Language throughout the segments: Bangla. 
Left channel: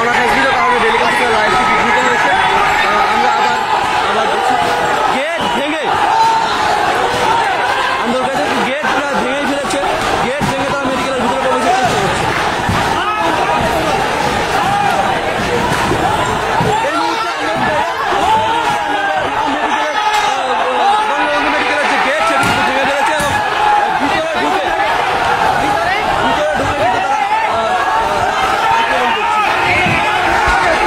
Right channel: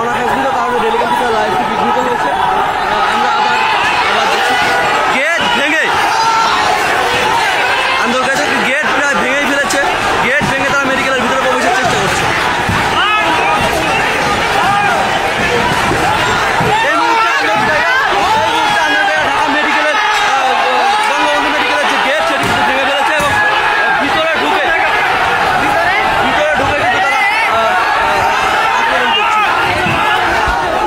অনাকাঙ্ক্ষিত কারণে ডেলি কম্পিউটার লাইভটি বিঘ্নিত হয়েছে। আমরা আবার দেখছি গেট ভেঙে আন্দোলন গেট প্রায় ভেঙেই ফেলেছে। গেট ভেঙে তারা মেডিকেলের ভিতরে প্রবেশের চেষ্টা করছে। এই মুহূর্তে ঢাকা মেডিকেলের বঙ্গবন্ধু মেডিকেলের যে গেট সেটি কিন্তু ভেঙে ফেলেছে এবং ভিতরে ঢুকে কিন্তু তারা আক্রমণ করছে।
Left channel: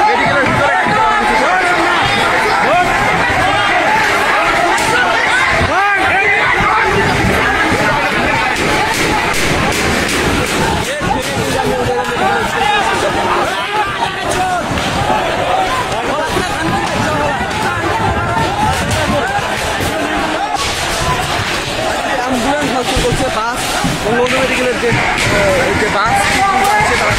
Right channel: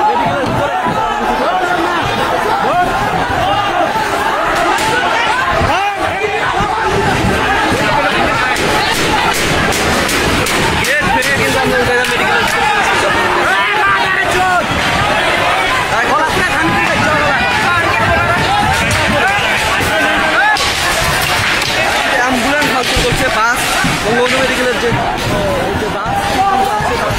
মেডিকেলের ভিতরে গেট ভেঙে কিন্তু মেডিকেলের অ্যাম্বুলেন্স ভাঙচুর করছে। বাস বঙ্গবন্ধু মেডিকেলের যে বাস আছে তারা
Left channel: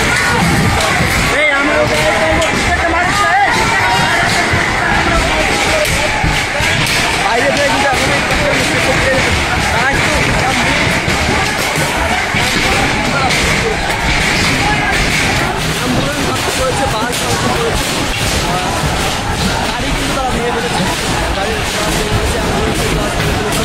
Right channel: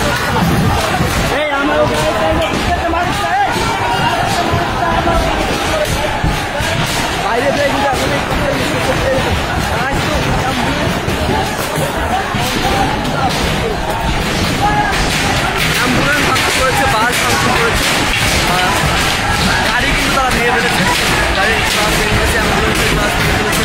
বাইরে থেকে কিন্তু এখন তারা কিন্তু অ্যাম্বুলেন্স ভাঙচুর করেছে, বাস ভাঙচুর করেছে, গাড়ি কিন্তু তারা ভেঙে ফেলেছে। গাড়ির বাস ভেঙে ফেলেছে, অ্যাম্বুলেন্সের বাস ভেঙে ফেলেছে।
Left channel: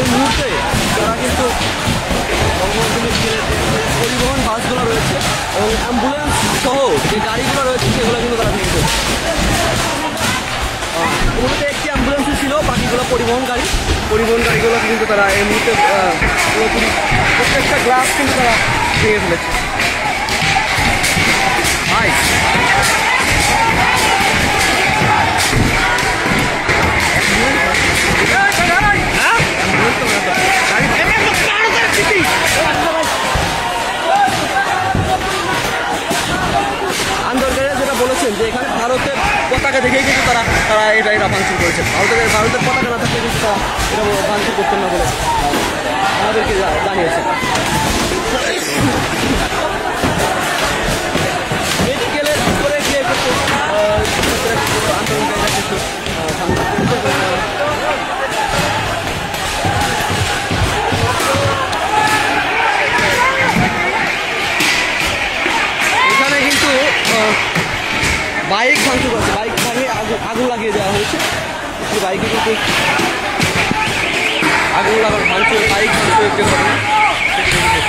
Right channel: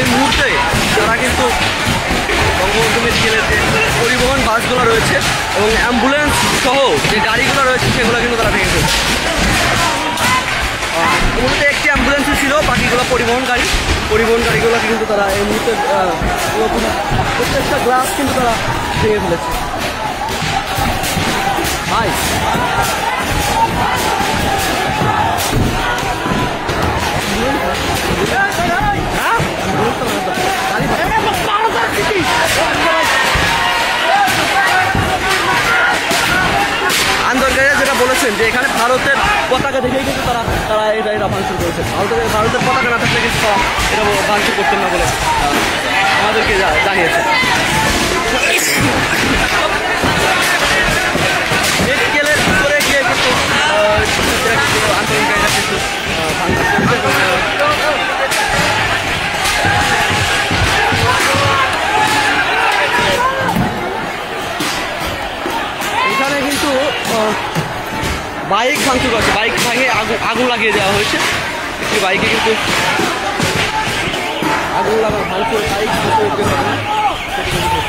এই মুহূর্তে তারা কিন্তু বঙ্গবন্ধু মেডিকেলের যে পরিবহন বাসগুলো রয়েছে এবং অ্যাম্বুলেন্স সহ যে গাড়িগুলো রয়েছে সেগুলো কিন্তু তারা ভেঙে ফেলছে। মূলত একটি অ্যাম্বুলেন্সই ছিল, বাকিগুলো পরিবহন গাড়িগুলো কিন্তু তারা এই মুহূর্তে পুরোপুরি প্রত্যেকটা গ্লাস কিন্তু তারা ভেঙে ফেলেছে। ভাই আন্দোলনকারীরা যেটা বলেছেন যে এখানে ভারতের পতাকা দেখেই কিন্তু তারা এটা ভাঙচুর করেছেন। ভারতের পতাকা না থাকলে কিন্তু এটা ভাঙচুর করতেন না বলে আমাদেরকে জানিয়েছেন। মেডিকেলের ভিতরে গিয়ে কিন্তু শিক্ষার্থীরা কিন্তু আন্দোলনকারীরা কিন্তু ভাঙচুর করছে। এখানে কিন্তু বাইক ভাঙচুর করছে, বাইক ভাঙে আগুন লাগিয়ে দেওয়া হয়েছে। একটি বাইকে কিন্তু আগুন লাগানো ভাঙচুর, বাইক ভাঙচুরের যে ঘটনা সেটি কিন্তু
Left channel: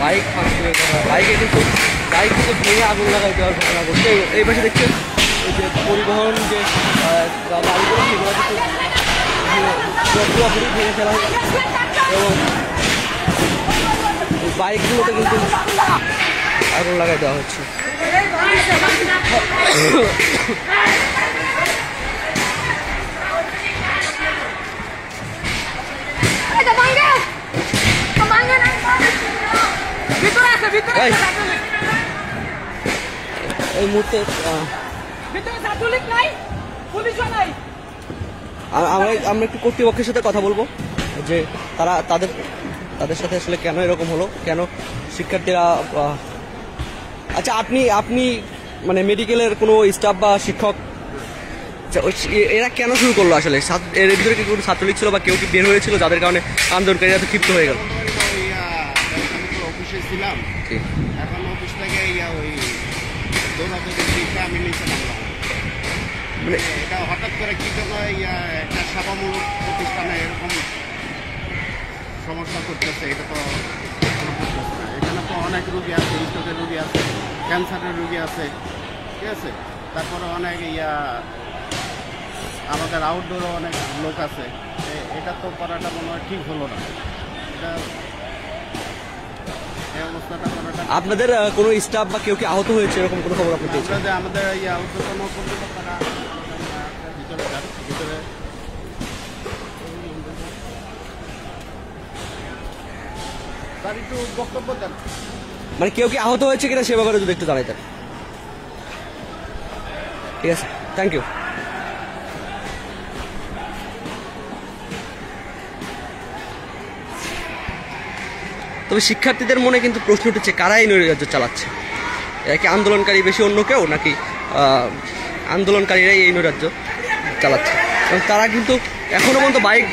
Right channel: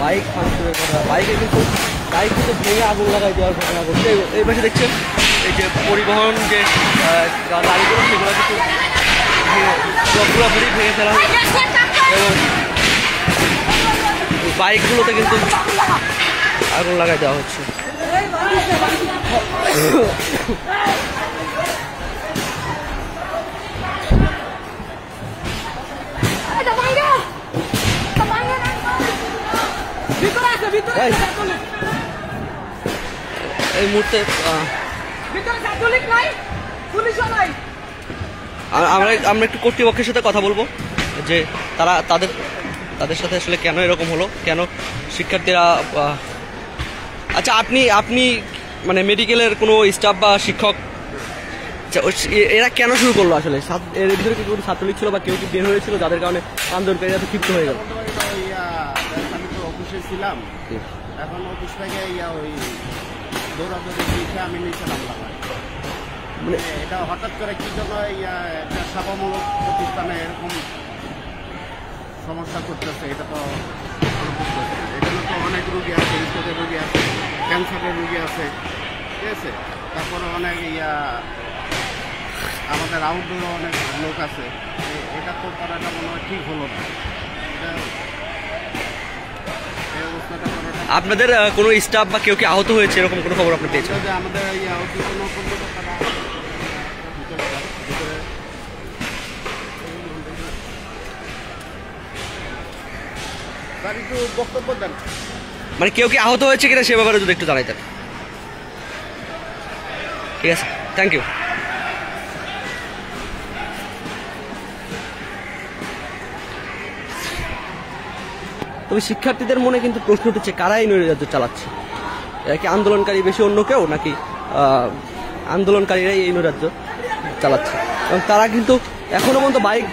বাইক ভাঙচুরের ঘটনা, বাইক কিন্তু ভেঙে আগুন লাগাই দেওয়ার ঘটনা ঘটছে। এই পাশে দেখছেন এই যে পরিবহন যে গাড়িগুলো সেগুলো কিন্তু পুরোপুরি ভেঙে ফেলা হয়েছে এবং বাইকগুলোতে কিন্তু আগুন লাগাই দেওয়া হচ্ছে। এই মুহূর্তে আমরা একটু কর্তৃপক্ষের সাথে কথা বলবো যে তারা তাদের সাথে আসলে কেন এরকম হলো, কেন শিক্ষার্থীরা। আচ্ছা, আপনি মানে মেডিকেলের কোনো স্টাফ বা শিক্ষক, এরা কেন শুরু করলো আসলে? এর ভিতরে কি কোনো ছাত্রলীগ ছিল বা কেউ কি বের হয়েছিল যাদের কারণে আন্দোলনকারীরা তো ক্ষিপ্ত হয়ে গেল? অফিসে ছিলাম, এখন অফিস থেকে ওই দৌড়াদৌড়ি দিকে আমি নিচে নামলাম। মানে এটা হঠাৎ করে কি জন্য একটা সেবামূলক প্রতিষ্ঠানে এরকম সমস্যা করতেছে, এটা তো এখানে তো অনেক রুগী আছে, হৃদরোগের রুগী আছে, ক্যান্সারের রুগী আছে, ঠিক আছে। তারপরে অনেক আমাদের আউটডোরও অনেক লোক আছে। এটা তো করাটা মনে হয় ঠিক হলো না। এটা এই অবস্থাটা করাটা আপনাদের কোনো স্টাফ বা কেউ কি আহত হয়েছে এরকম কোনো খবর আপনি পেয়েছেন? আমাদের কোনো কর্মকর্তারা ভিতরে যান, ভিতরে একটু বক্তব্য দেন। মানে কেউ কি আহত হয়েছে কিনা সে ব্যাপারে যদি একটু জানাইতেন। ঠিক আছে, থ্যাংক ইউ। তবে শিক্ষার্থীদের মনে কিন্তু প্রশ্ন উঠেছে কারা এই নৈরাজ্য চালাচ্ছে। এরা কি আন্দোলনকারী বেশি অন্য কেউ, নাকি আন্দোলনকারীরাই এই নৈরাজ্য চালাচ্ছে? কারণ তারা কিন্তু এখনো পর্যন্ত বাইক